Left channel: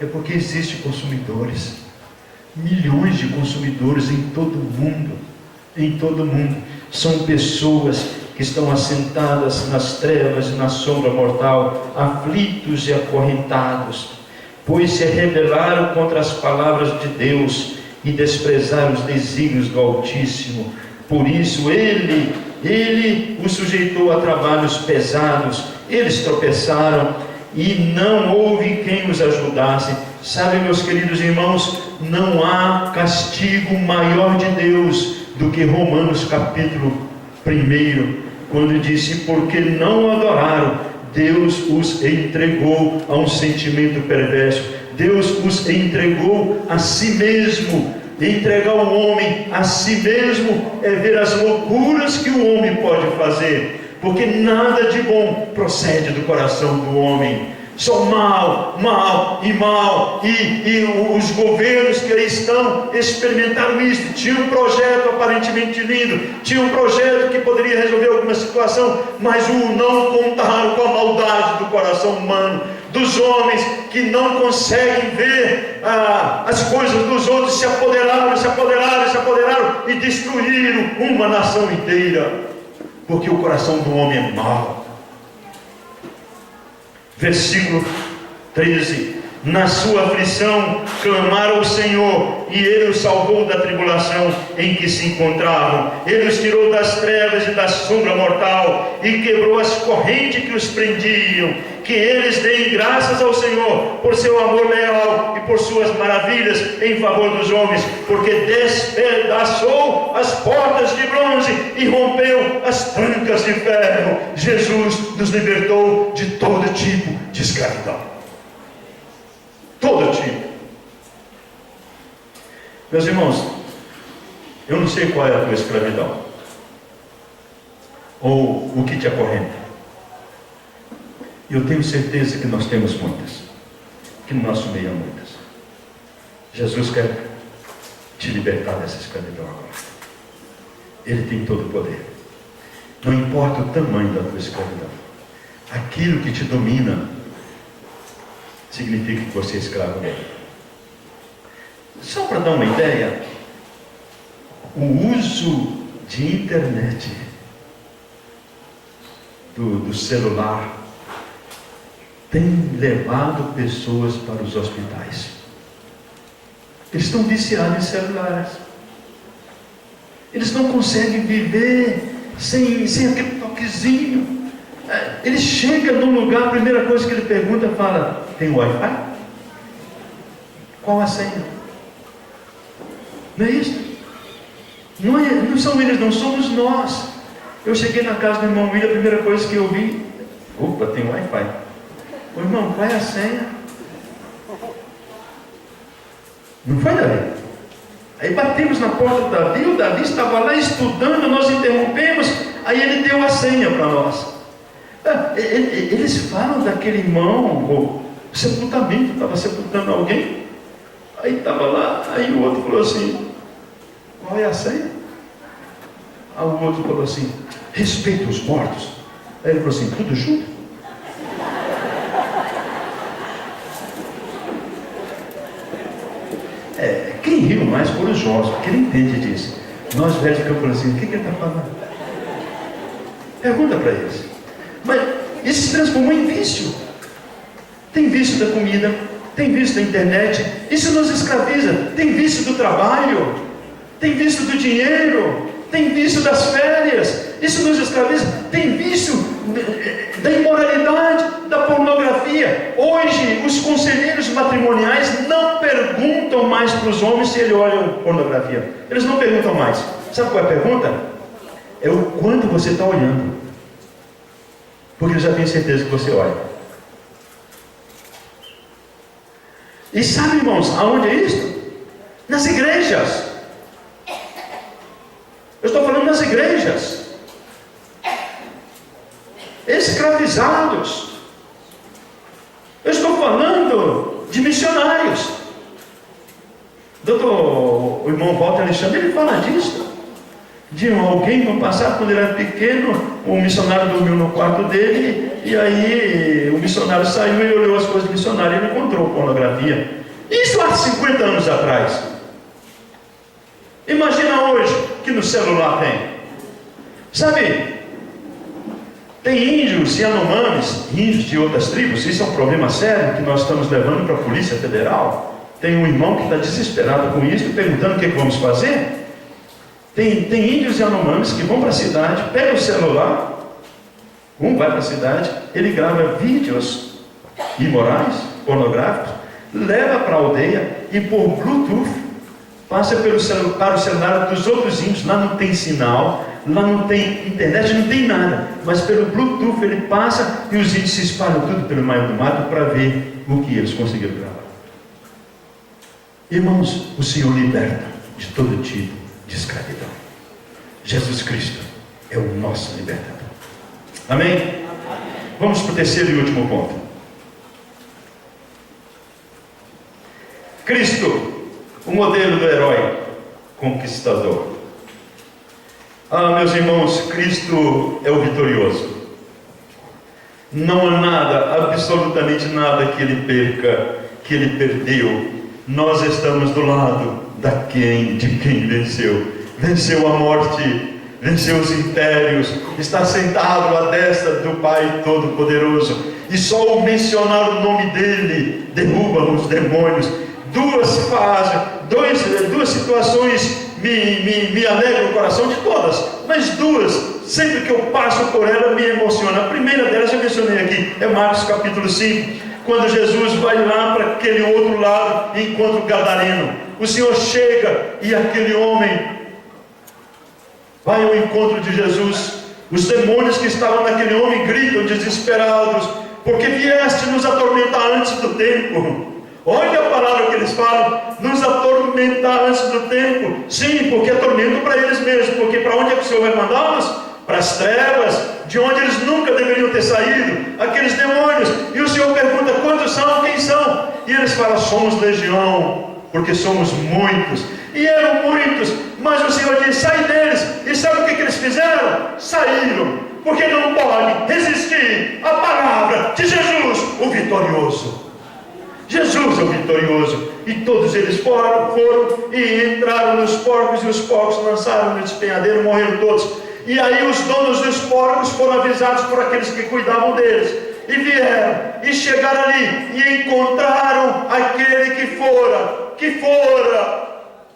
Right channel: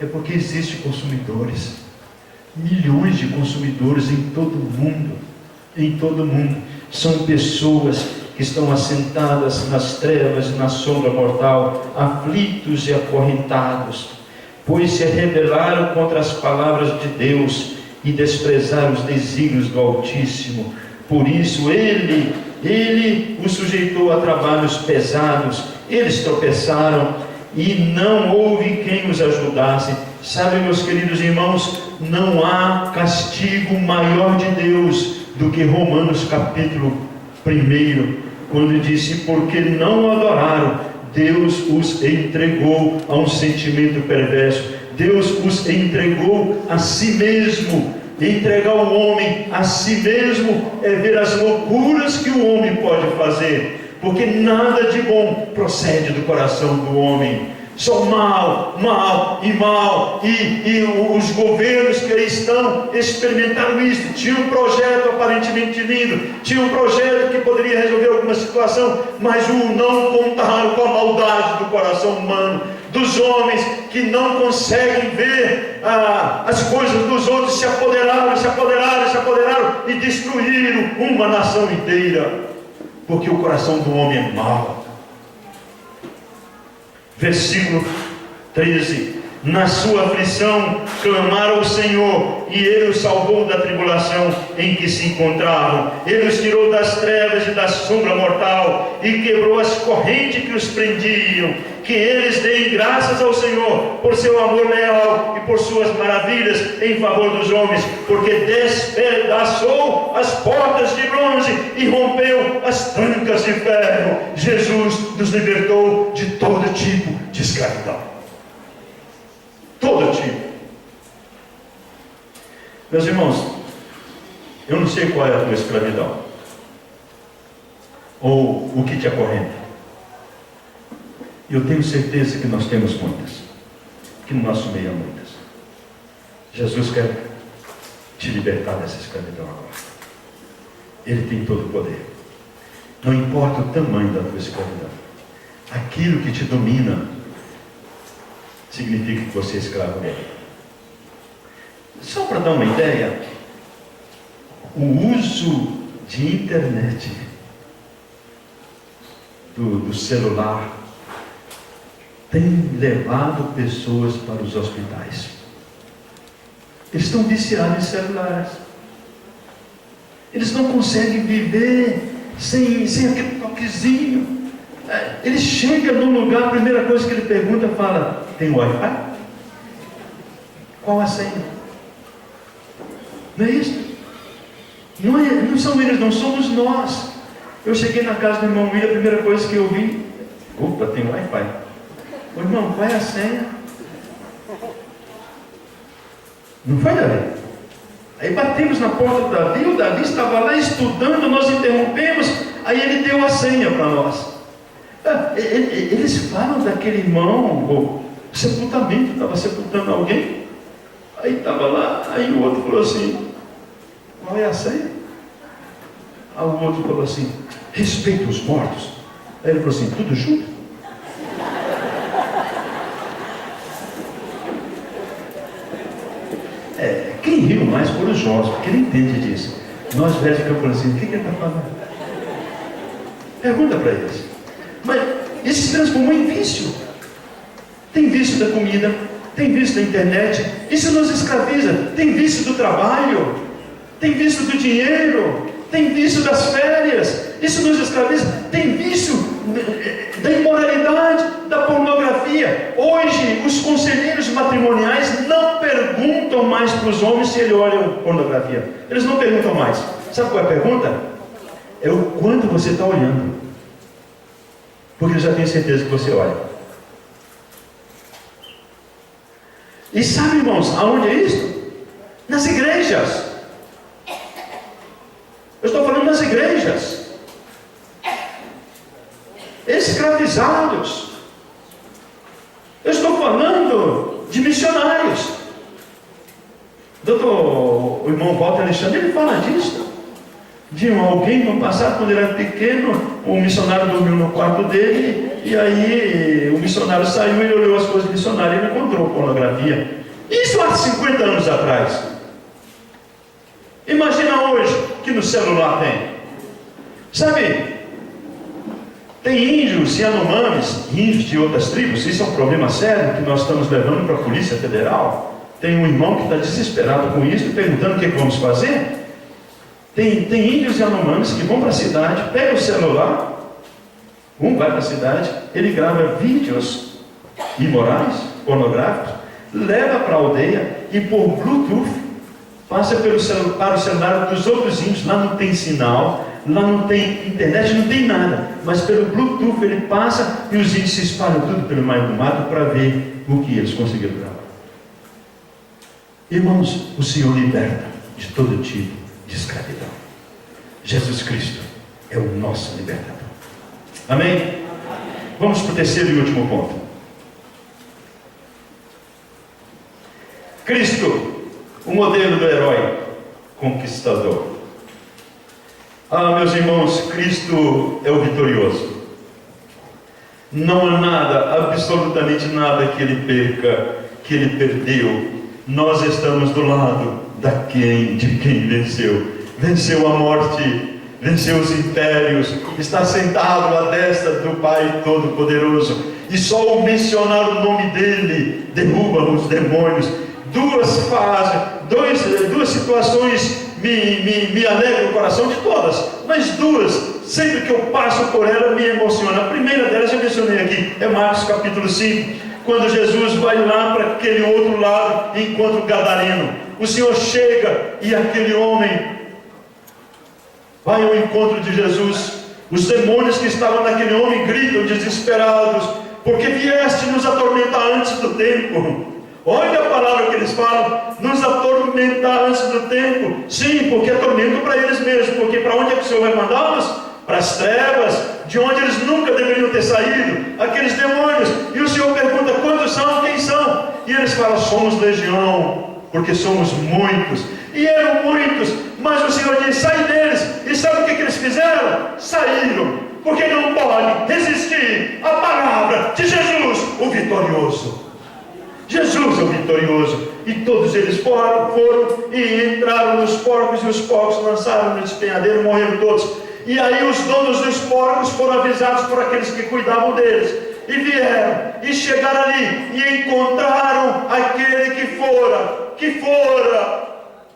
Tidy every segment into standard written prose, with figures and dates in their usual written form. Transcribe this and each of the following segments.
É porque existem consumidores, milhões de consumidores em todo o mundo. Em todo o mundo. São pessoas que estão assentadas nas trevas e na sombra mortal, aflitos e acorrentados, pois se rebelaram contra as palavras de Deus e desprezaram os desígnios do Altíssimo. Por isso Ele os sujeitou a trabalhos pesados. Eles tropeçaram e não houve quem os ajudasse. Sabe, meus queridos irmãos, não há castigo maior de Deus do que Romanos capítulo 1, quando disse: porque não o adoraram, Deus os entregou a um sentimento perverso. Deus os entregou a si mesmo. Entregar o homem a si mesmo é ver as loucuras que o homem pode fazer, porque nada de bom procede do coração do homem. Só mal, e os governos que aí estão experimentaram isso. Tinha um projeto aparentemente lindo, tinha um projeto que poderia resolver alguma situação, mas não contaram com a maldade do coração humano, dos homens que não conseguem ver as coisas dos outros. Se apoderaram e destruíram uma nação inteira, porque o coração do homem é mau. Versículo 13: na sua aflição clamaram ao Senhor, e Ele os salvou da tribulação em que se encontravam. Ele os tirou das trevas e da sombra mortal, e quebrou as correntes que os prendiam. Que eles deem graças ao Senhor por seu amor leal e por suas maravilhas em favor dos homens, porque despedaçou as portas de bronze e rompeu as trancas de ferro. Jesus nos libertou de todo tipo de escravidão. Todo tipo. Meus irmãos, eu não sei qual é a tua escravidão, ou o que te acorrenta. Eu tenho certeza que nós temos muitas, que no nosso meio há muitas. Jesus quer te libertar dessa escravidão agora. Ele tem todo o poder. Não importa o tamanho da tua escravidão, aquilo que te domina significa que você é escravo dele. Só para dar uma ideia, o uso de internet, do celular, tem levado pessoas para os hospitais. Eles estão viciados em celulares. Eles não conseguem viver sem aquele toquezinho. Ele chega num lugar, a primeira coisa que ele pergunta, fala: tem Wi-Fi? Qual a senha? Não é isso? Não são eles, não somos nós. Eu cheguei na casa do irmão William, a primeira coisa que eu vi: opa, tem Wi-Fi. Ô irmão, qual é a senha? Não foi, Davi? Aí batemos na porta do Davi, o Davi estava lá estudando, nós interrompemos, aí ele deu a senha para nós. Eles falam daquele irmão, o sepultamento, estava sepultando alguém, aí estava lá, aí o outro falou assim: qual é a senha? Aí o outro falou assim: respeita os mortos. Aí ele falou assim: tudo junto? Quem riu mais foram os jovens, porque ele entende disso. Nós velhos ficamos falando assim: o que ele está falando? Pergunta para eles. Mas isso se transformou em vício. Tem vício da comida, tem vício da internet, isso nos escraviza. Tem vício do trabalho, tem vício do dinheiro, tem vício das férias, isso nos escraviza. Tem vício da imoralidade, da pornografia. Hoje os conselheiros matrimoniais não perguntam mais para os homens se eles olham pornografia. Eles não perguntam mais. Sabe qual é a pergunta? É o quanto você está olhando, porque eles já têm certeza que você olha. E sabe, irmãos, aonde é isso? Nas igrejas. Eu estou falando nas igrejas. Escravizados. Eu estou falando de missionários. O irmão Walter Alexandre, ele fala disso. de alguém no passado, quando ele era pequeno, o missionário dormiu no quarto dele, e aí o missionário saiu e olhou as coisas do missionário e ele encontrou pornografia. Isso há 50 anos atrás. Imagina hoje que no celular tem. Sabe, tem índios e anomames, índios de outras tribos, isso é um problema sério que nós estamos levando para a Polícia Federal. Tem um irmão que está desesperado com isso, perguntando o que vamos fazer. Tem índios e anomames que vão para a cidade, pegam o celular, um vai para a cidade, ele grava vídeos imorais, pornográficos, leva para a aldeia e por Bluetooth passa para o celular dos outros índios. Lá não tem sinal, lá não tem internet, não tem nada, mas pelo Bluetooth ele passa e os índios se espalham tudo pelo meio do mato para ver o que eles conseguiram gravar. Irmãos, o Senhor liberta de todo tipo de escravidão. Jesus Cristo é o nosso libertador. Amém? Vamos para o terceiro e último ponto. Cristo, o modelo do herói conquistador. Meus irmãos, Cristo é o vitorioso. Não há nada, absolutamente nada que ele perca, que ele perdeu. Nós estamos do lado de quem venceu. Venceu a morte, venceu os impérios, está sentado à destra do Pai Todo-Poderoso. E só o mencionar o nome dele derruba os demônios. Duas situações me alegram o coração, de todas, mas duas, sempre que eu passo por ela, me emociona. A primeira delas eu mencionei aqui, é Marcos capítulo 5, quando Jesus vai lá para aquele outro lado e encontra o gadareno. O Senhor chega e aquele homem vai ao encontro de Jesus. Os demônios que estavam naquele homem gritam desesperados: porque vieste nos atormentar antes do tempo. Olha a palavra que eles falam: nos atormentar antes do tempo. Sim, porque é tormento para eles mesmos. Porque para onde é que o Senhor vai mandá-los? Para as trevas, de onde eles nunca deveriam ter saído, aqueles demônios. E o Senhor pergunta: quantos são? Quem são? E eles falam: somos legião, porque somos muitos. E eram muitos, mas o Senhor diz: sai deles. E sabe o que eles fizeram? Saíram, porque não podem resistir à palavra de Jesus, o vitorioso. Jesus é o vitorioso. E todos eles foram e entraram nos porcos, e os porcos lançaram no despenhadeiro, morreram todos. E aí os donos dos porcos foram avisados por aqueles que cuidavam deles, e vieram, e chegaram ali, e encontraram aquele que fora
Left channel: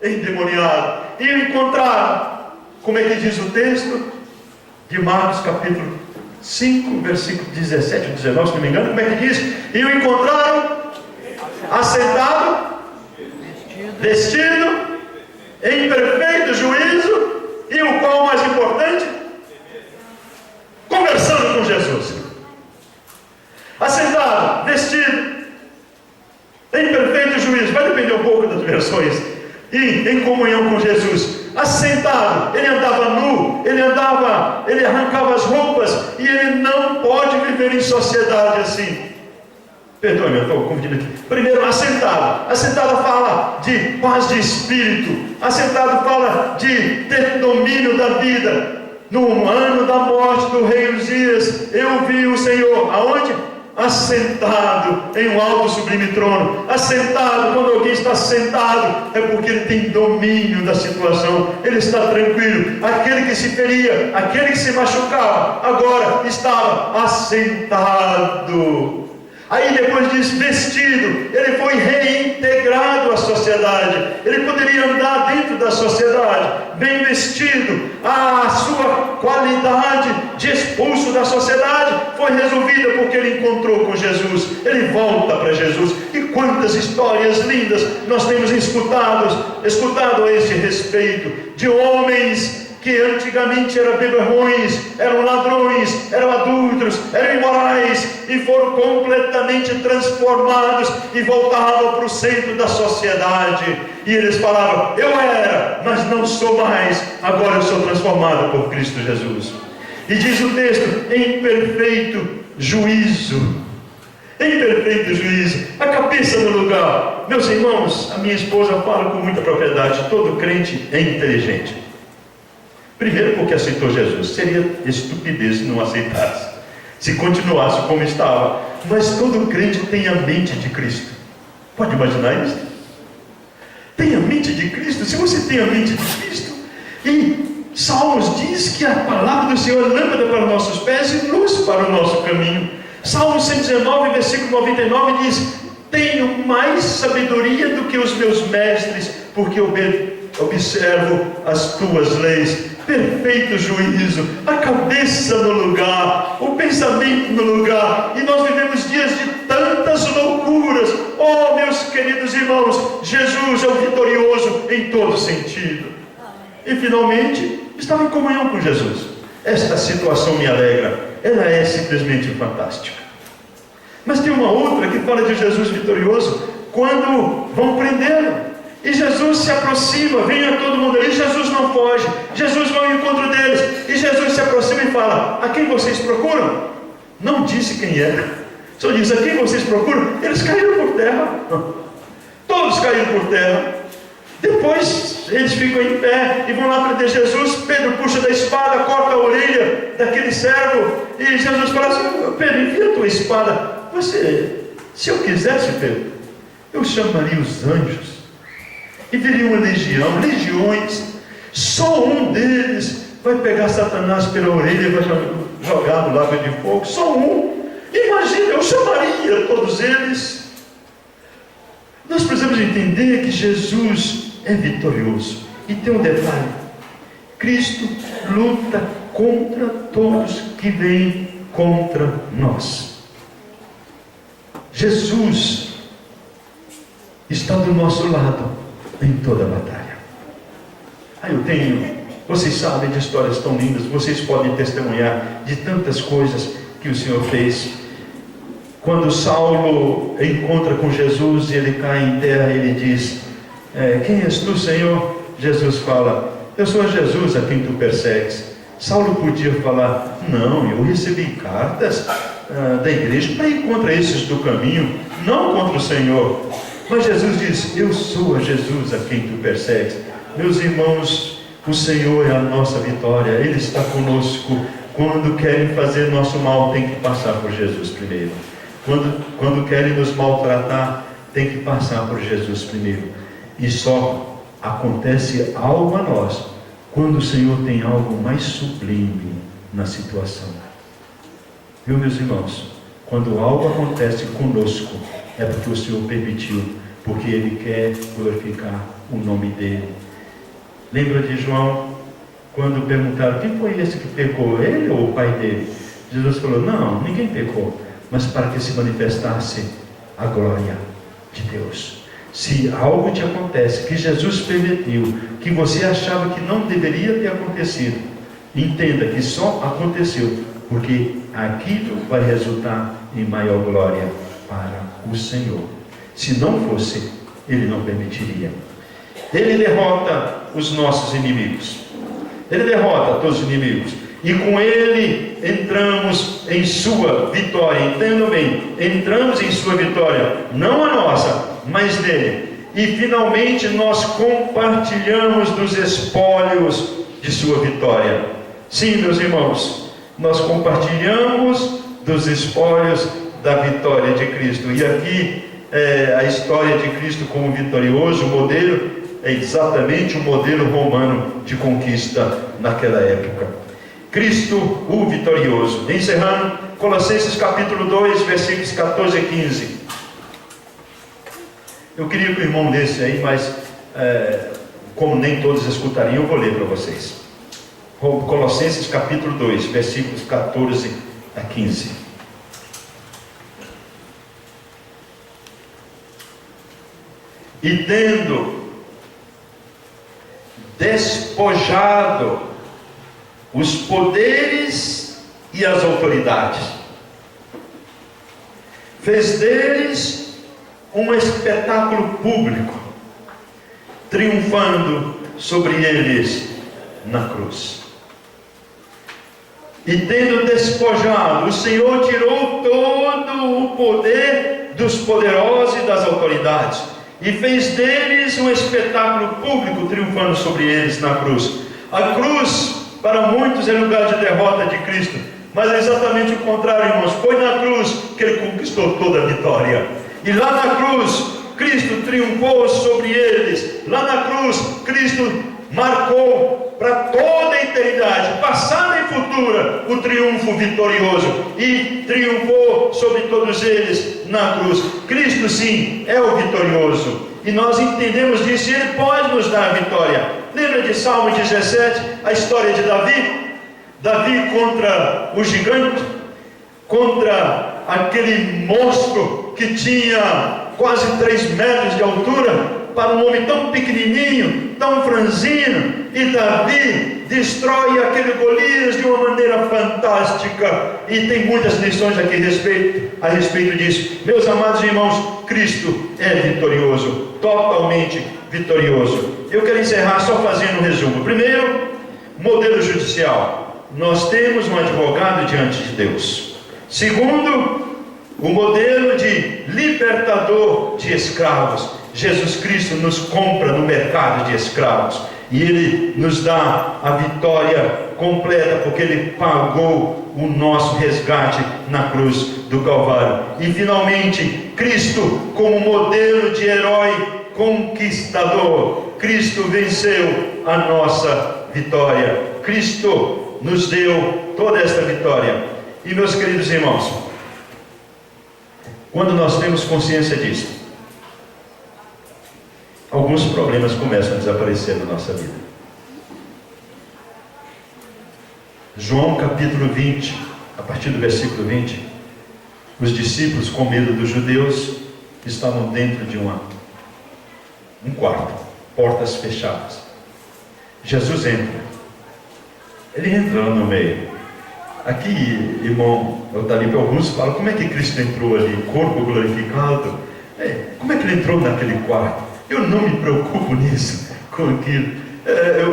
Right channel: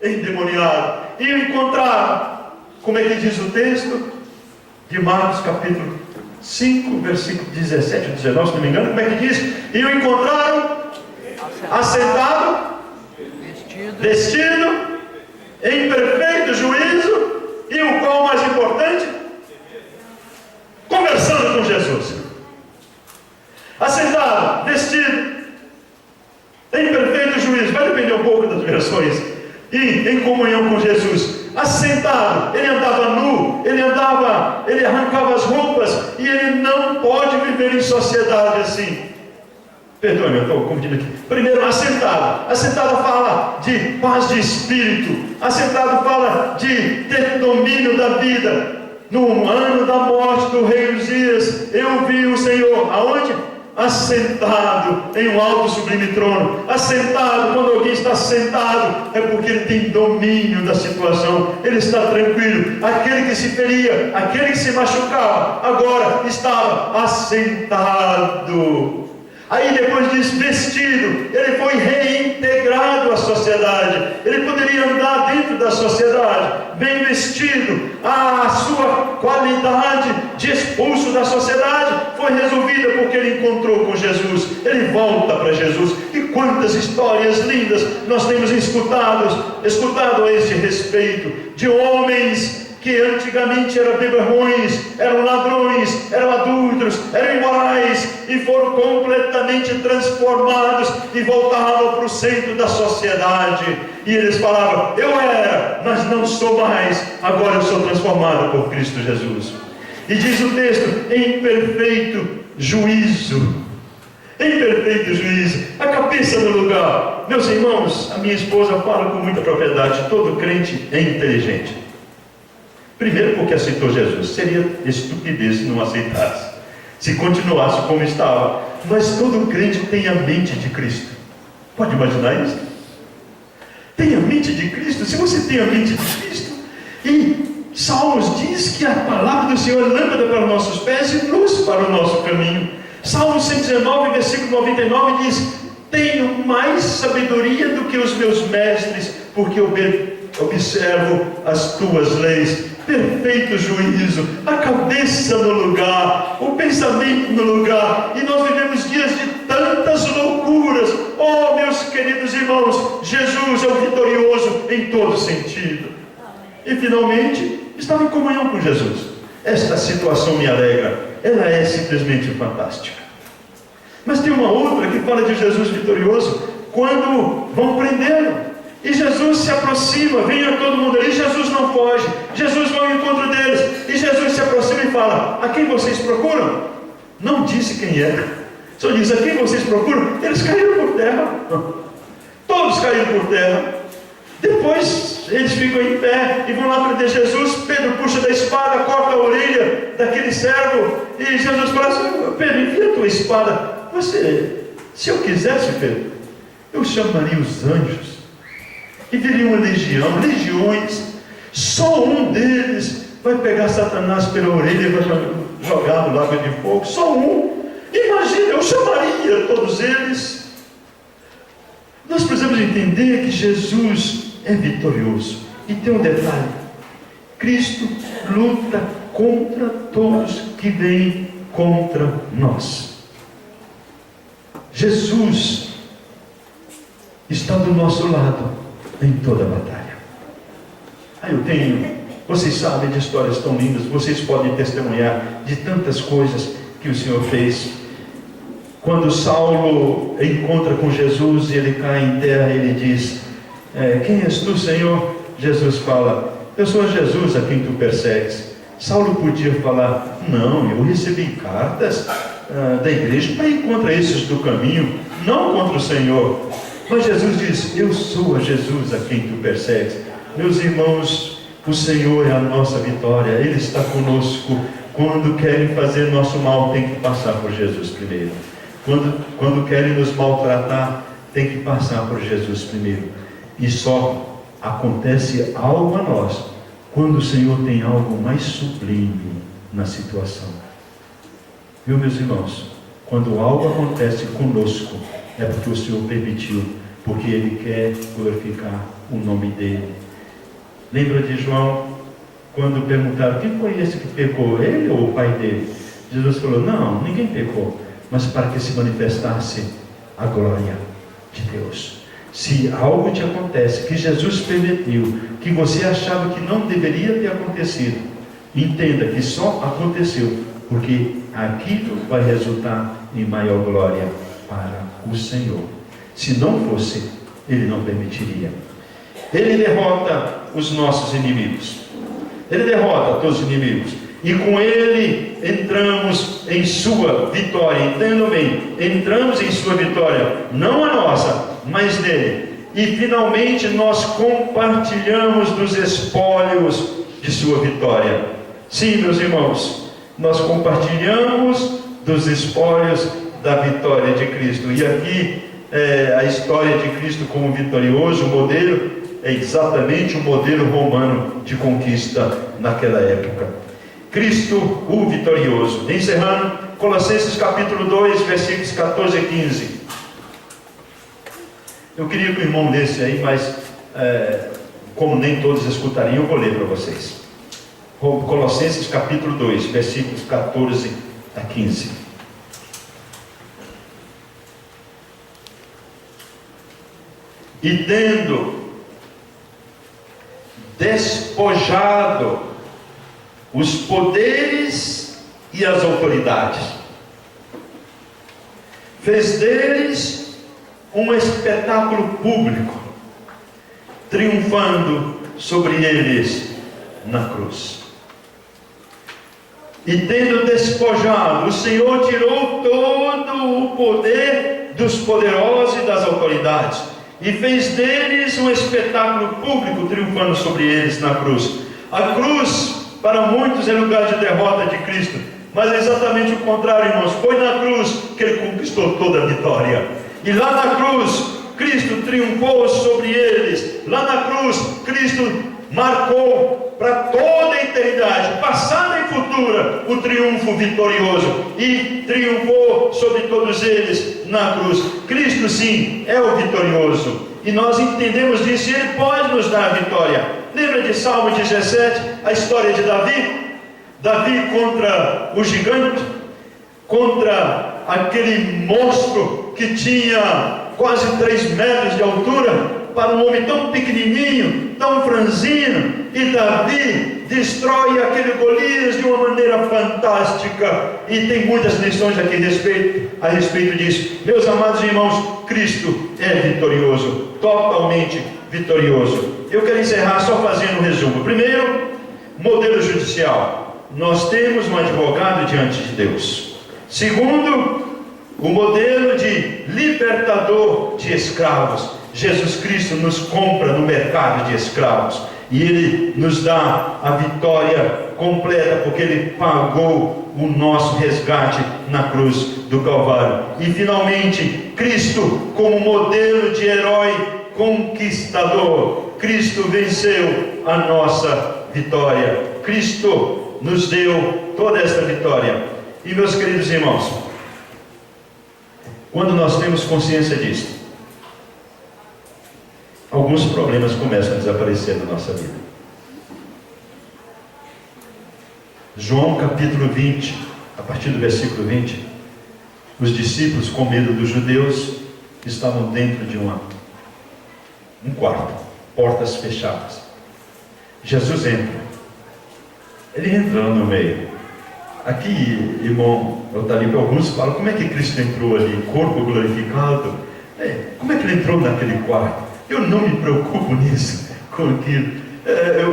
endemoniado, e o encontraram. Como é que diz o texto de Marcos capítulo 5, versículo 17 ou 19, se não me engano? Como é que diz? E o encontraram assentado, vestido, em perfeito juízo, e o qual mais importante? Conversando com Jesus. Assentado, vestido, em perfeito juízo. Vai depender um pouco das versões. E em comunhão com Jesus. Assentado, ele andava nu, ele arrancava as roupas, e ele não pode viver em sociedade assim. Perdoe-me, eu estou confundindo aqui. Primeiro, assentado. Assentado fala de paz de espírito. Assentado fala de ter domínio da vida. No ano da morte do rei Uzias, eu vi o Senhor, aonde? Assentado em um alto sublime trono. Assentado, quando alguém está sentado, é porque ele tem domínio da situação, ele está tranquilo. Aquele que se feria, aquele que se machucava, agora estava assentado. Aí depois diz vestido, ele foi reintegrado à sociedade. Ele poderia andar dentro da sociedade, bem vestido. A sua qualidade de expulso da sociedade foi resolvida porque ele encontrou com Jesus. Ele volta para Jesus. E quantas histórias lindas nós temos escutado a esse respeito, de homens que antigamente eram beberrões, eram ladrões, eram adúlteros, eram imorais, e foram completamente transformados e voltavam para o centro da sociedade. E eles falavam: eu era, mas não sou mais, agora eu sou transformado por Cristo Jesus. E diz o texto: em perfeito juízo. Em perfeito juízo, a cabeça no lugar. Meus irmãos, a minha esposa fala com muita propriedade: todo crente é inteligente. Primeiro porque aceitou Jesus. Seria estupidez se não aceitasse, se continuasse como estava. Mas todo crente tem a mente de Cristo. Pode imaginar isso? Tem a mente de Cristo. Se você tem a mente de Cristo, e Salmos diz que a palavra do Senhor é lâmpada para os nossos pés e luz para o nosso caminho. Salmo 119, versículo 99 diz: tenho mais sabedoria do que os meus mestres, porque observo as tuas leis. Perfeito juízo, a cabeça no lugar, o pensamento no lugar. E nós vivemos dias de tantas loucuras. Oh, meus queridos irmãos, Jesus é o vitorioso em todo sentido. E finalmente, estava em comunhão com Jesus. Esta situação me alegra. Ela é simplesmente fantástica. Mas tem uma outra que fala de Jesus vitorioso quando vão prendê-lo. E Jesus se aproxima, vem a todo mundo ali, Jesus não foge, Jesus vai ao encontro deles, e Jesus se aproxima e fala: a quem vocês procuram? Não disse quem era, só diz: a quem vocês procuram? Eles caíram por terra, todos caíram por terra. Depois eles ficam em pé e vão lá prender Jesus. Pedro puxa da espada, corta a orelha daquele servo, e Jesus fala assim: Pedro, envia a tua espada. Se eu quisesse, Pedro, eu chamaria os anjos e viria uma legião, legiões. Só um deles vai pegar Satanás pela orelha e vai jogar no lago de fogo. Só um. Imagina, eu chamaria todos eles. Nós precisamos entender que Jesus é vitorioso. E tem um detalhe: Cristo luta contra todos que vêm contra nós. Jesus está do nosso lado em toda a batalha. Vocês sabem de histórias tão lindas, vocês podem testemunhar de tantas coisas que o Senhor fez. Quando Saulo encontra com Jesus e ele cai em terra, ele diz: quem és tu, Senhor? Jesus fala: eu sou Jesus a quem tu persegues. Saulo podia falar: não, eu recebi cartas da igreja para ir contra esses do caminho, não contra o Senhor. Mas Jesus diz: eu sou a Jesus a quem tu persegues. Meus irmãos, o Senhor é a nossa vitória. Ele está conosco. Quando querem fazer nosso mal, tem que passar por Jesus primeiro. Quando querem nos maltratar, tem que passar por Jesus primeiro. E só acontece algo a nós quando o Senhor tem algo mais sublime na situação. Viu, meus irmãos? Quando algo acontece conosco, é porque o Senhor permitiu, porque Ele quer glorificar o nome dEle. Lembra de João, quando perguntaram: quem foi esse que pecou, ele ou o pai dele? Jesus falou: não, ninguém pecou, mas para que se manifestasse a glória de Deus. Se algo te acontece, que Jesus permitiu, que você achava que não deveria ter acontecido, entenda que só aconteceu porque aquilo vai resultar em maior glória para o Senhor. Se não fosse, Ele não permitiria. Ele derrota os nossos inimigos. Ele derrota todos os inimigos. E com Ele entramos em sua vitória. Entendam bem, entramos em sua vitória, não a nossa, mas dele. E finalmente nós compartilhamos dos espólios de sua vitória. Sim, meus irmãos, nós compartilhamos dos espólios da vitória de Cristo. E aqui a história de Cristo como vitorioso, o modelo é exatamente o modelo romano de conquista naquela época. Cristo, o vitorioso. Encerrando, Colossenses capítulo 2, versículos 14 e 15. Eu queria que o irmão lesse aí, mas como nem todos escutariam, eu vou ler para vocês. Colossenses capítulo 2, versículos 14 a 15. E tendo despojado os poderes e as autoridades, fez deles um espetáculo público, triunfando sobre eles na cruz. E tendo despojado, o Senhor tirou todo o poder dos poderosos e das autoridades, e fez deles um espetáculo público, triunfando sobre eles na cruz. A cruz para muitos é lugar de derrota de Cristo, mas é exatamente o contrário, irmãos. Foi na cruz que Ele conquistou toda a vitória, e lá na cruz Cristo triunfou sobre eles. Lá na cruz Cristo marcou para toda a eternidade, passada e futura, o triunfo vitorioso, e triunfou sobre todos eles na cruz. Cristo sim é o vitorioso, e nós entendemos disso, e Ele pode nos dar a vitória. Lembra de Salmo 17, a história de Davi? Davi contra o gigante, contra aquele monstro que tinha quase 3 metros de altura, para um homem tão pequenininho, tão franzino, e Davi destrói aquele Golias de uma maneira fantástica, e tem muitas lições aqui a respeito disso. Meus amados irmãos, Cristo é vitorioso, totalmente vitorioso. Eu quero encerrar só fazendo um resumo. Primeiro, modelo judicial. Nós temos um advogado diante de Deus. Segundo, o modelo de libertador de escravos. Jesus Cristo nos compra no mercado de escravos, e Ele nos dá a vitória completa, porque Ele pagou o nosso resgate na cruz do Calvário. E finalmente, Cristo como modelo de herói conquistador. Cristo venceu a nossa vitória. Cristo nos deu toda esta vitória. E meus queridos irmãos, quando nós temos consciência disso, alguns problemas começam a desaparecer na nossa vida. João capítulo 20, a partir do versículo 20, os discípulos, com medo dos judeus, estavam dentro de um quarto, portas fechadas. Jesus entra. Ele entra no meio. Aqui, irmão, eu estou ali para alguns falam, como é que Cristo entrou ali, corpo glorificado? Como é que ele entrou naquele quarto? Eu não me preocupo nisso, com aquilo.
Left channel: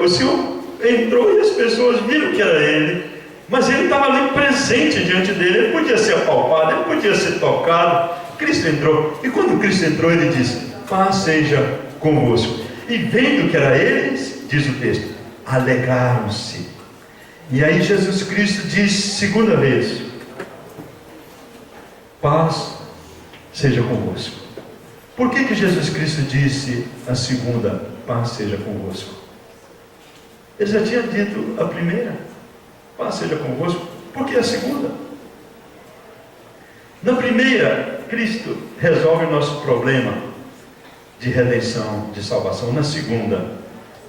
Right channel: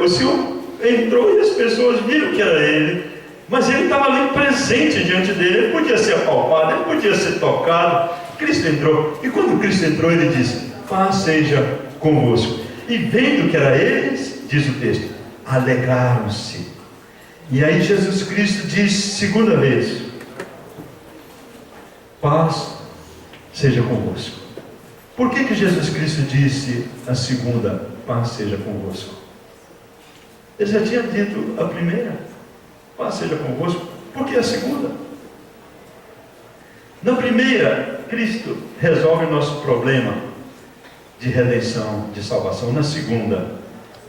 O Senhor entrou e as pessoas viram que era Ele, mas Ele estava ali presente diante dele. Ele podia ser apalpado, Ele podia ser tocado. Cristo entrou, e quando Cristo entrou, Ele disse: paz seja convosco. E vendo que era eles, diz o texto, alegraram-se. E aí Jesus Cristo diz segunda vez: paz seja convosco. Por que Jesus Cristo disse a segunda, paz seja convosco? Ele já tinha dito a primeira, paz seja convosco. Por que a segunda? Na primeira, Cristo resolve o nosso problema de redenção, de salvação. Na segunda,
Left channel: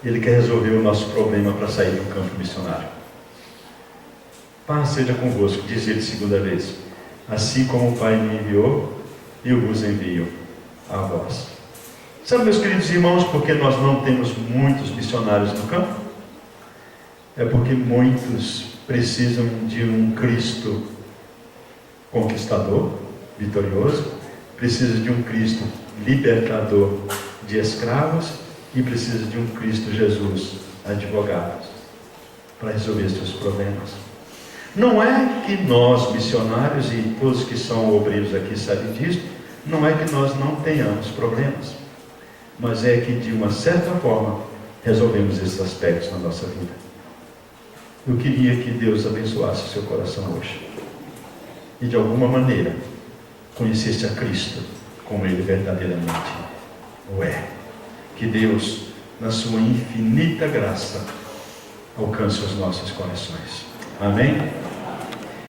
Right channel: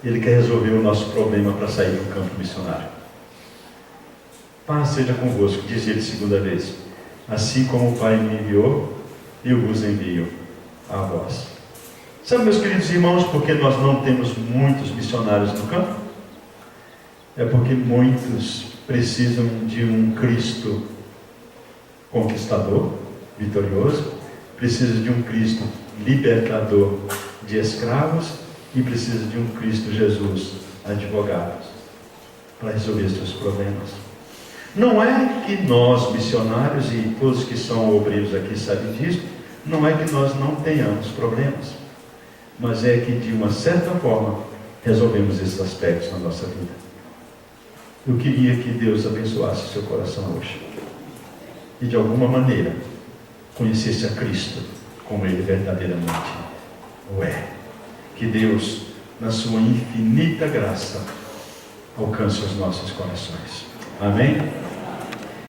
Ele quer resolver o nosso problema para sair do campo missionário. Paz seja convosco, diz Ele segunda vez. Assim como o Pai me enviou, eu vos envio a vós. Sabe, meus queridos irmãos, porque nós não temos muitos missionários no campo? É porque muitos precisam de um Cristo conquistador, vitorioso, precisam de um Cristo libertador de escravos, e precisa de um Cristo Jesus advogado para resolver seus problemas. Não é que nós, missionários, e todos que são obreiros aqui sabem disso, não é que nós não tenhamos problemas, mas é que de uma certa forma resolvemos esses aspectos na nossa vida. Eu queria que Deus abençoasse seu coração hoje, e de alguma maneira conhecesse a Cristo como Ele verdadeiramente o é. Que Deus, na sua infinita graça, alcance os nossos corações. Amém?